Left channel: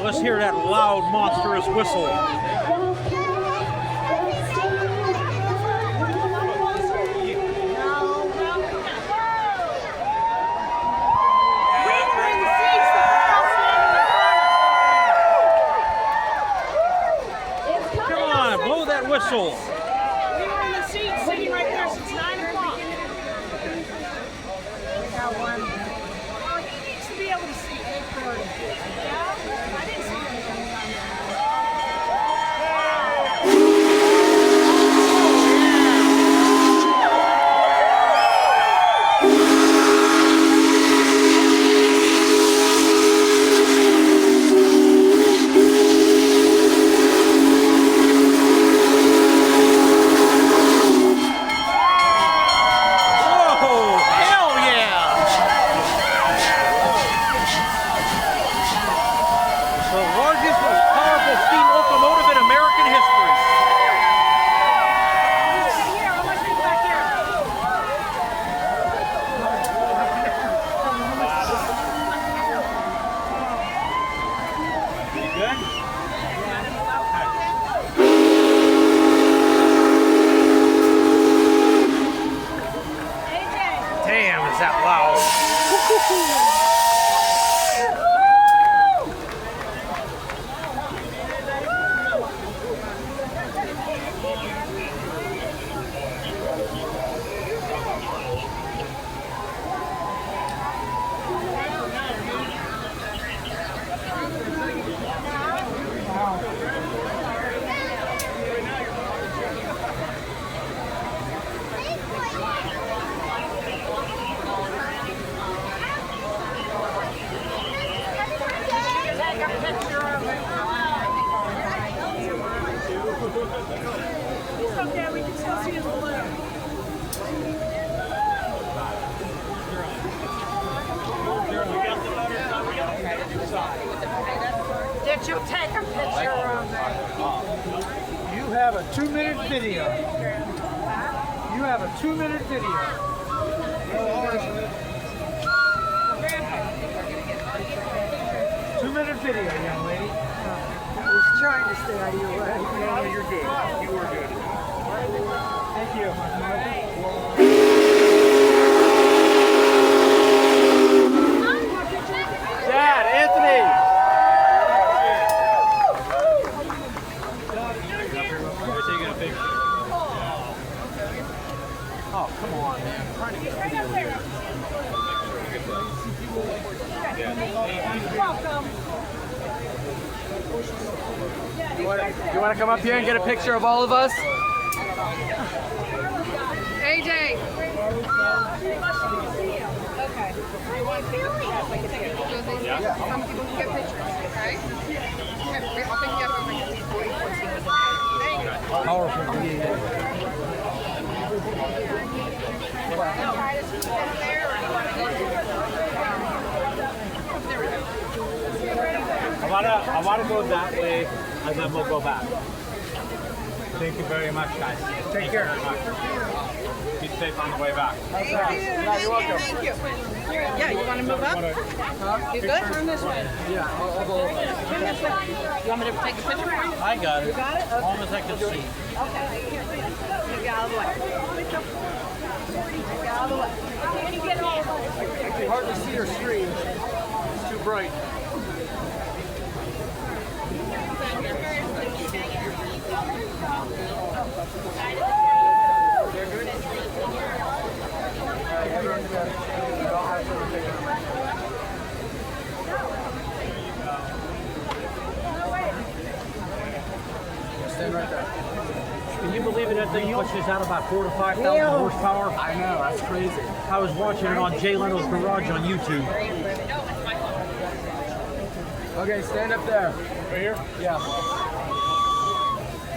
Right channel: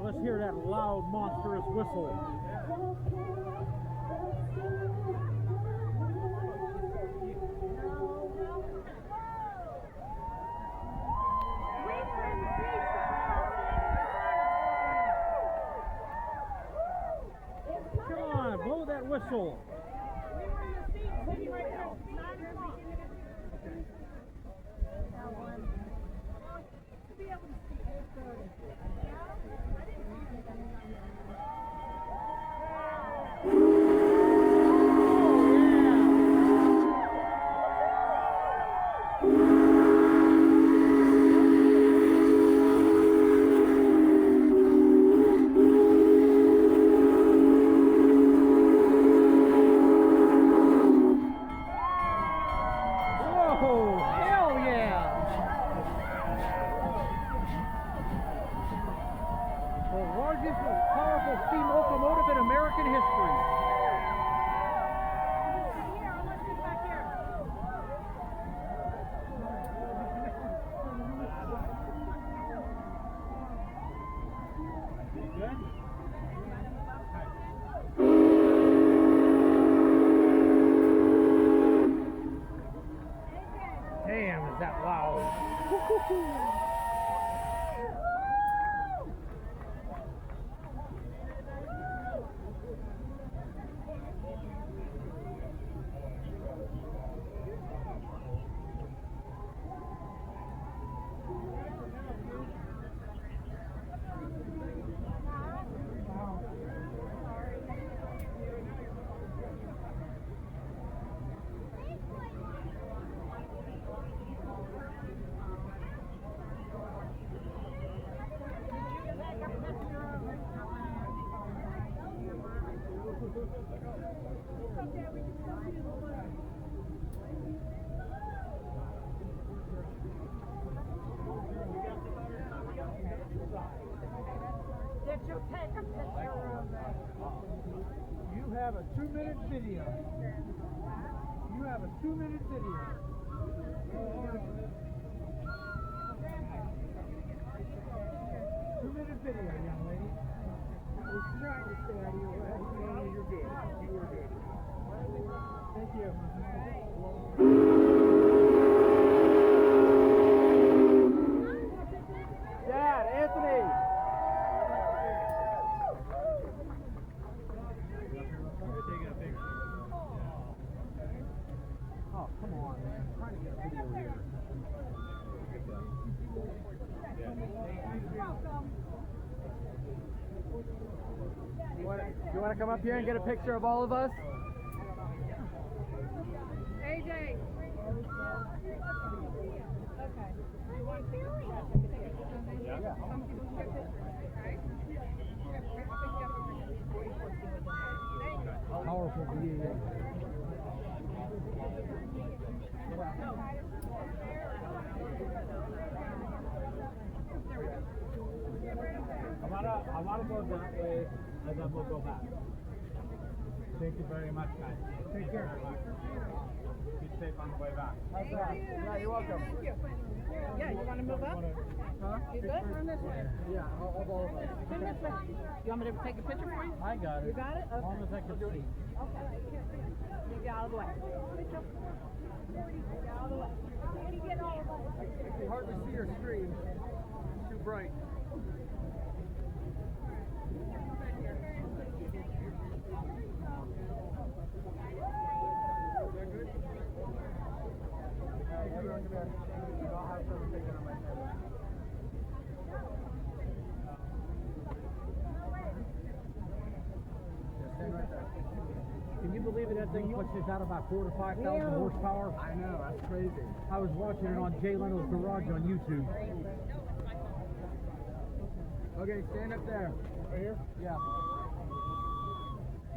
Now let's hear that loud, monstrous whistle. Come on, blow that whistle. We were in the seats sitting right there since 9 o'clock. We got one. Oh, he needs to be able to see 8:30. Yeah? I didn't see anything. Steam locomotive in American history. Good? Damn, is that loud? It's okay, we can still see his balloon. Did you take a picture of that? You have a 2-minute video. You have a 2-minute video. 2-minute video, young lady. I was trying to stay out of your way. No, you're good. You were good. Thank you. Dad, Anthony! Oh, come on, man. I'm trying to get a video here. You want to come up here and get a picture of all of us? AJ. Okay. You want to take a picture? Yeah. Some people can get pictures, okay? Powerful video. I want to go that way, and then we'll go back. Thank you very much, guys. Take care. Be safe on the way back. Thank you. Yeah, you're welcome. Thank you. Yeah, you want to move up? You good? Turn this way. Yeah, I'll go over. Turn this way. You want me to take a picture for you? I got it. You got it? As long as I can see. Okay. You get out of the way. Get out of the way. Can you get all of us? I can hardly see your screen. It's too bright. Stand right there. Can you believe it? That thing pushes out about 4,000 to 5,000 horsepower. I know, that's crazy. I was watching it on Jay Leno's Garage on YouTube. Okay, stand up there. Right here? Yeah.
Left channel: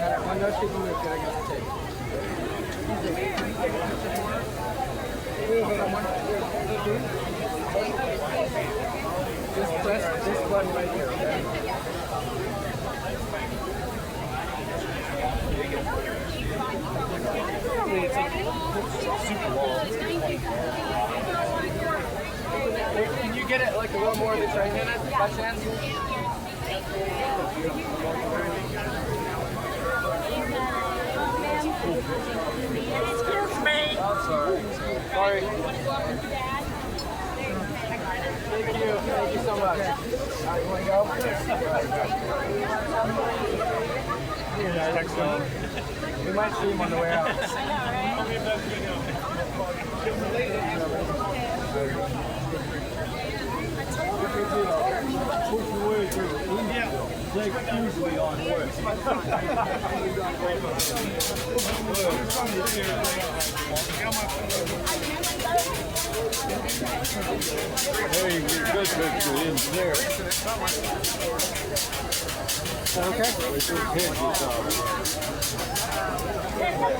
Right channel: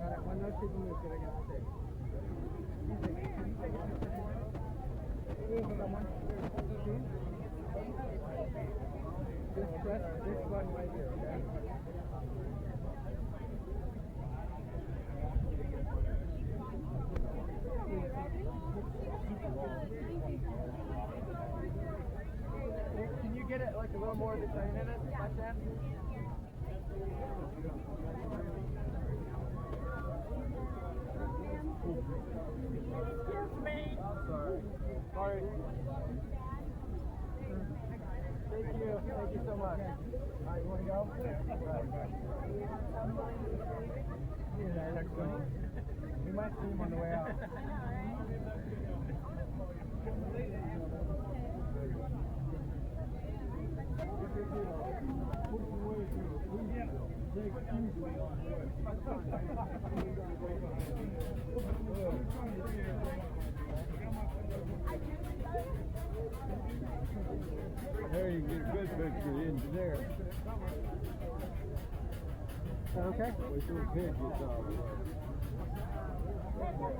I know she can move good against the tape. Just press this button right here, okay? Can you get it like a little more of the train in it by chance? Excuse me. I'm sorry. Sorry. Thank you. Thank you so much. All right, you want to go? Here, next one. We might see him on the way out. Usually on work. Very good picture in there. Okay. With your pinches on.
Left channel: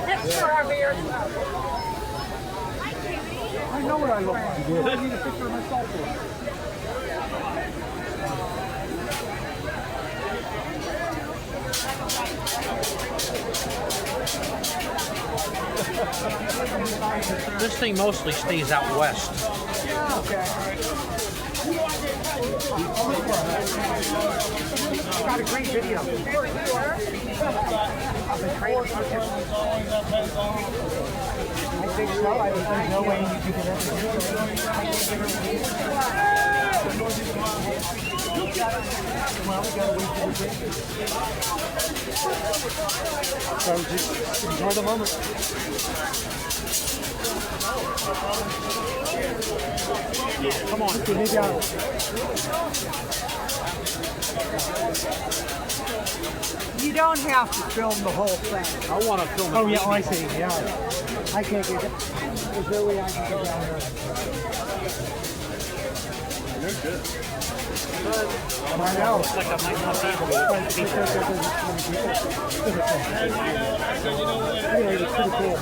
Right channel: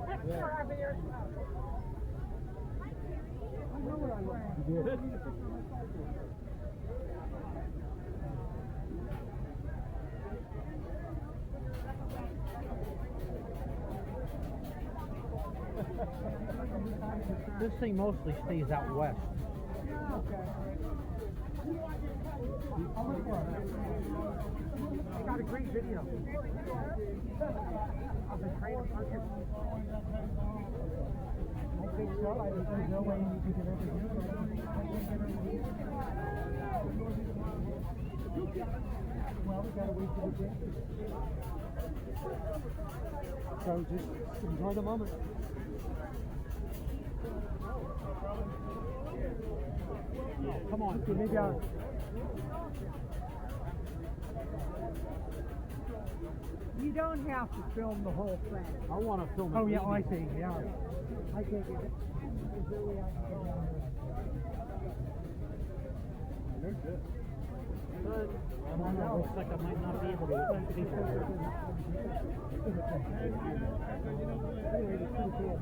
Picture of you. I know what I look like. I need a picture of myself. This thing mostly stays out west. Got a great video. I think so. There's no way you can get well, we gotta wait for the break. So just enjoy the moment. Come on, put me down. You don't have to film the whole thing. I want to film it. Oh, yeah, I see. Yeah. I can't get it. There's no way I can go down there. You're good. I know. Looks like I might not be able to beat that. Anyway, it's pretty cool.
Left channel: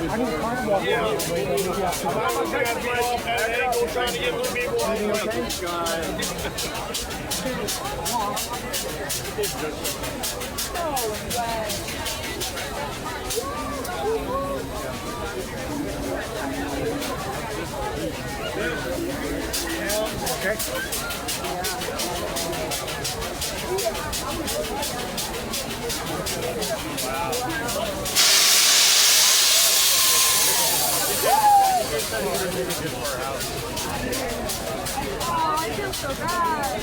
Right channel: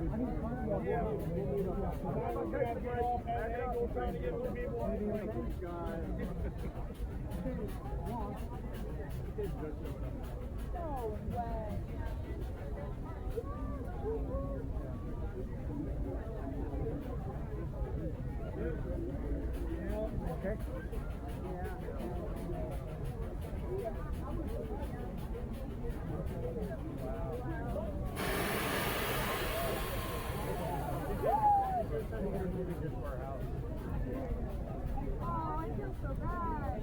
I need time walk. Okay. Oh, I feel so bad.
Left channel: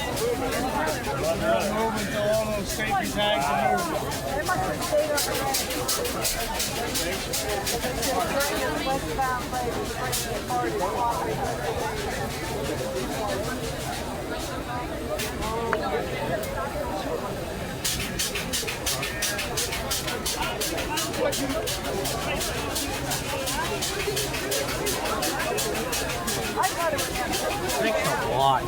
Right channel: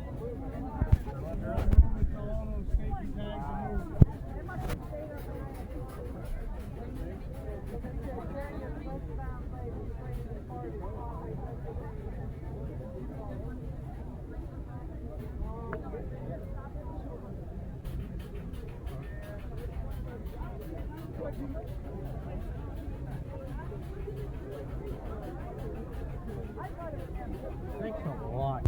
They must have stayed up already. Westbound ladies bringing the party. Thanks a lot.